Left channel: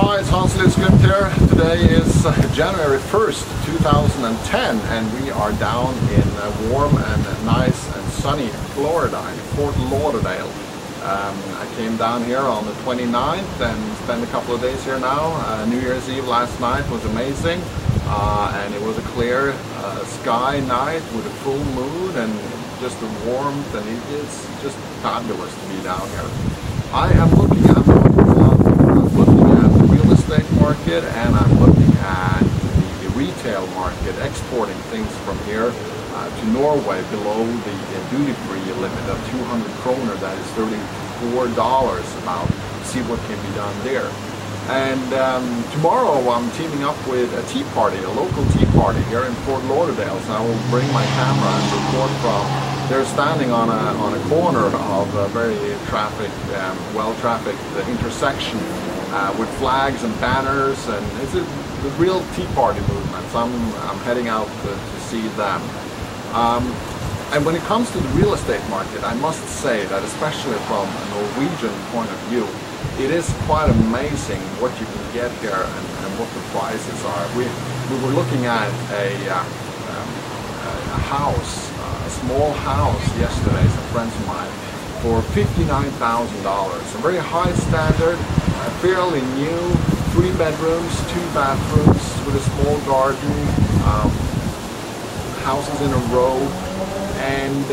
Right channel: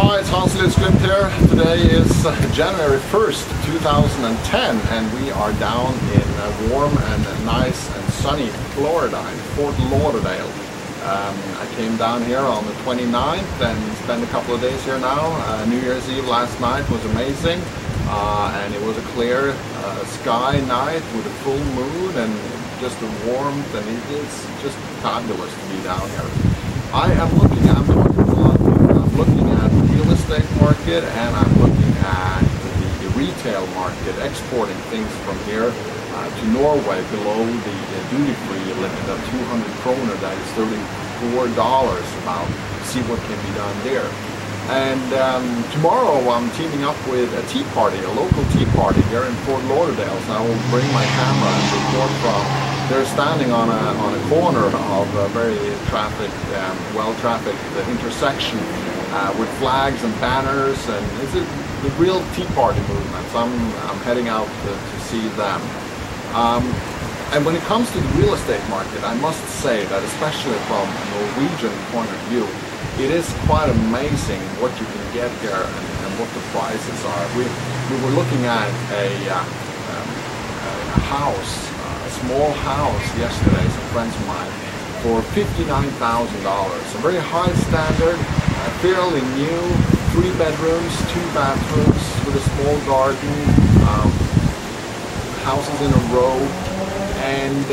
Hi, it's Hans Lutz here. Today is January 1st, 2010, and we are down in warm and nice and sunny Florida, in Fort Lauderdale. I came down here on the 29th and spent a couple of days here now. New Year's Eve last night was amazing, and it was a clear sky night with a full moon and just the warmth, and it's just fabulous to be down here. I'm talking to a lot of people. I'm looking at the real estate market, and I'm looking at the retail market, exporting things from here to Norway below the duty-free limit of 200 kroner, that is $34 about, see what can be done there. And tomorrow I'm teaming up with a tea party, a local tea party here in Fort Lauderdale, so I will bring my camera and report from. They're standing on a corner of a very well-trafficked intersection with flags and banners, and it's the real tea party movement. So I'm heading out to see them. And when it comes to the real estate market, I must say that especially from a Norwegian point of view, it is quite amazing what you can get here and what the prices are. We were looking at a house, a small house yesterday, some friends of mine, for $59,000. A very high standard, fairly new, 3 bedrooms, 2 bathrooms with a small garden, houses in a row, and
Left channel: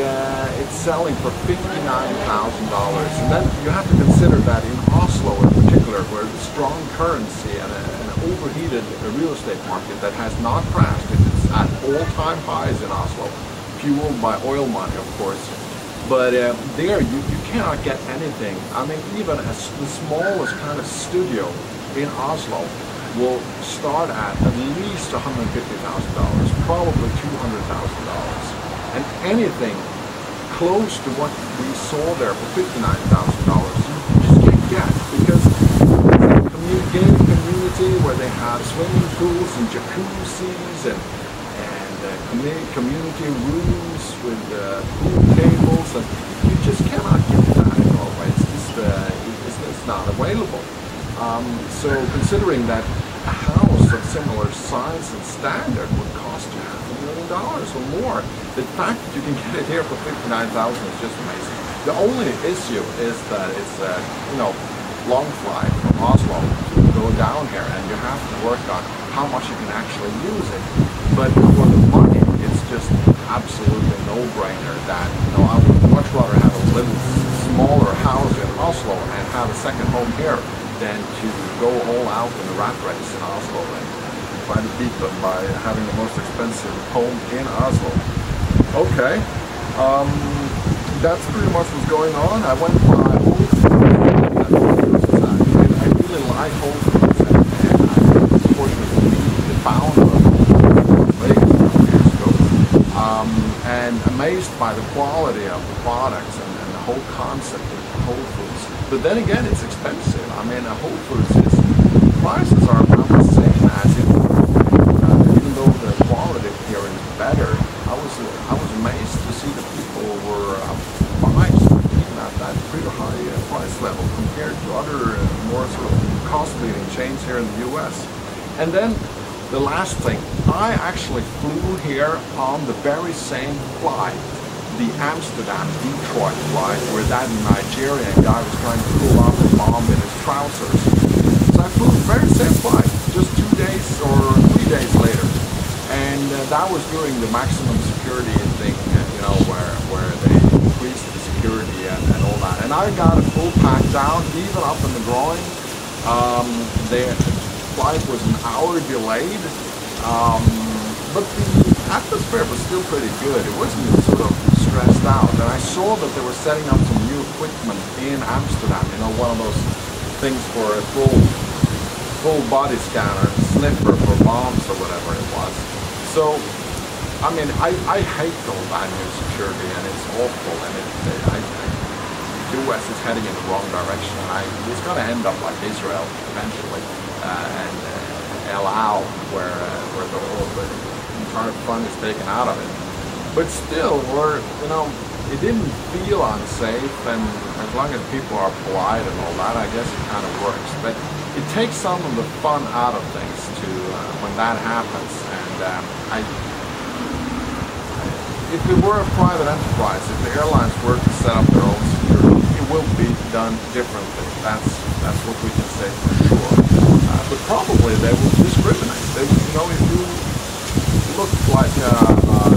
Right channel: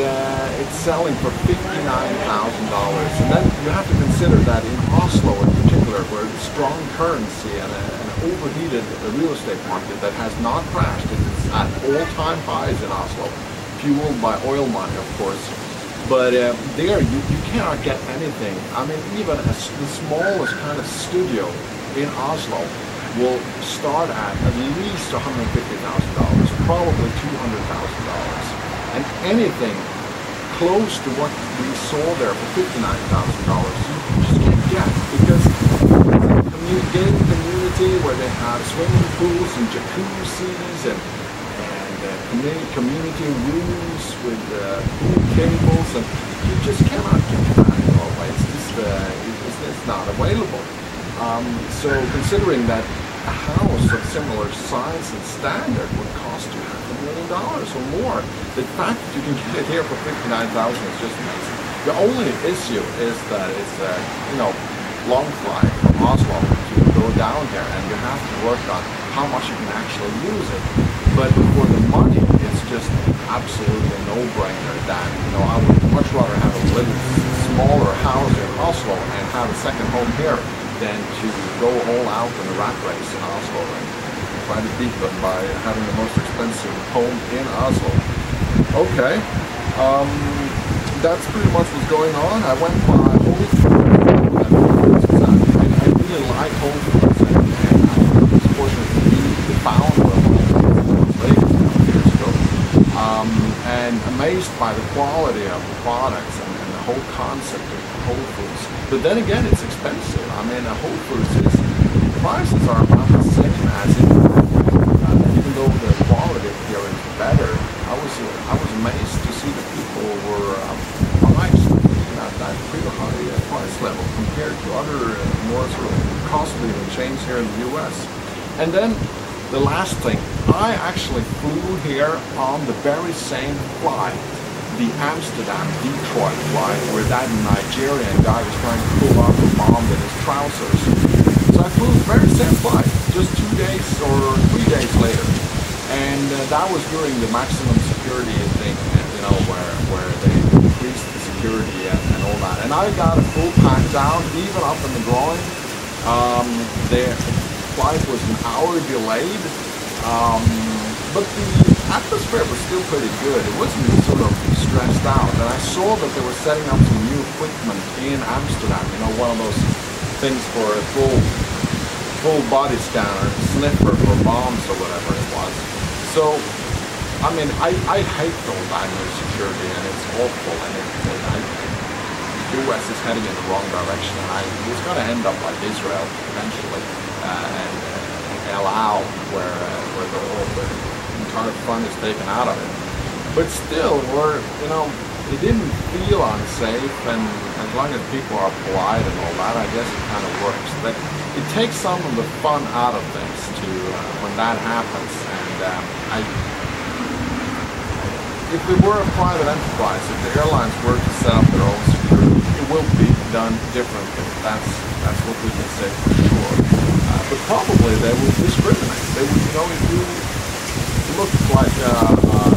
it's selling for $59,000. And then you have to consider that in Oslo in particular, where the strong currency and an overheated real estate market that has not crashed, it's at all-time highs in Oslo, fueled by oil money, of course. But there you cannot get anything. I mean, even the smallest kind of studio in Oslo will start at least $150,000, probably $200,000. And anything close to what we saw there for $59,000, you just can't get, because it's a gated community where they have swimming pools and jacuzzis and community rooms with pool cables, and you just cannot get that in Norway. It's just it's not available. So considering that a house of similar size and standard would cost you $500,000 or more, the fact that you can get it here for $59,000 is just amazing. The only issue is that it's long flight from Oslo to go down here, and you have to work on how much you can actually use it. But for the money, it's just absolutely no-brainer that I would much rather have a little smaller house in Oslo and have a second home here than to go all out in the rat race in Oslo and try to beat them by having the most expensive home in Oslo. Okay, that's pretty much what's going on. I went by Whole Foods. I really like Whole Foods, and I was fortunate to meet the founder of Whole Foods in Las Vegas a couple years ago, and amazed by the quality of the products and the whole concept of Whole Foods. But then again, it's expensive. I mean, Whole Foods prices are about the same as in Norway, even though the quality here is better. I was amazed to see that people were buying stuff even at that pretty high price level compared to other more sort of cost-leading chains here in the U.S. And then the last thing, I actually flew here on the very same flight, the Amsterdam-Detroit flight, where that Nigerian guy was trying to pull off a bomb in his trousers. So I flew the very same flight, just 2 days or 3 days later. And that was during the maximum security thing, where they increased the security and all that. And I got a full pack down, even up in the groin. The flight was an hour delayed. But the atmosphere was still pretty good. It wasn't sort of stressed out. And I saw that they were setting up some new equipment in Amsterdam, one of those things for a full body scanner, sniffer for bombs or whatever it was. So, I mean, I hate all that new security, and it's awful, and the US is heading in the wrong direction, and it's going to end up like Israel eventually, and El Al, where the entire fun is taken out of it. But still, we're it didn't feel unsafe, and as long as people are polite and all that, I guess it kind of works. But it takes some of the fun out of things to when that happens. And if we were a private enterprise, if the airlines were to set up their own security, it will be done differently. That's what we can say for sure. But probably they will discriminate. They would, if you look like a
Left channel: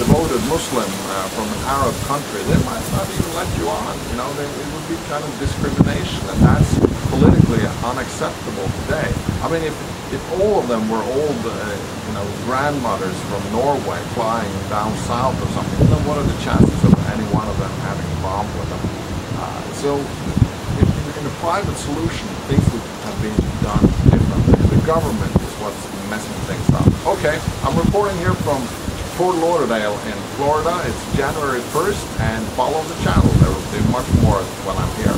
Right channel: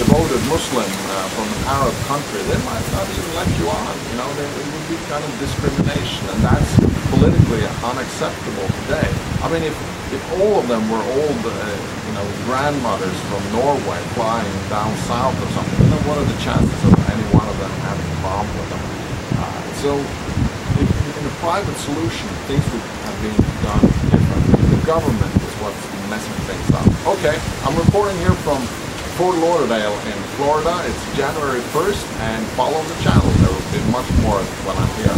devoted Muslim from an Arab country, they might not even let you on. It would be kind of discrimination, and that's politically unacceptable today. I mean, if all of them were old, grandmothers from Norway flying down south or something, what are the chances of any one of them having a problem with them? So, in a private solution, things would have been done differently. The government is what's messing things up. Okay, I'm reporting here from Fort Lauderdale in Florida. It's January 1st, and follow the channel. There will be much more when I'm here.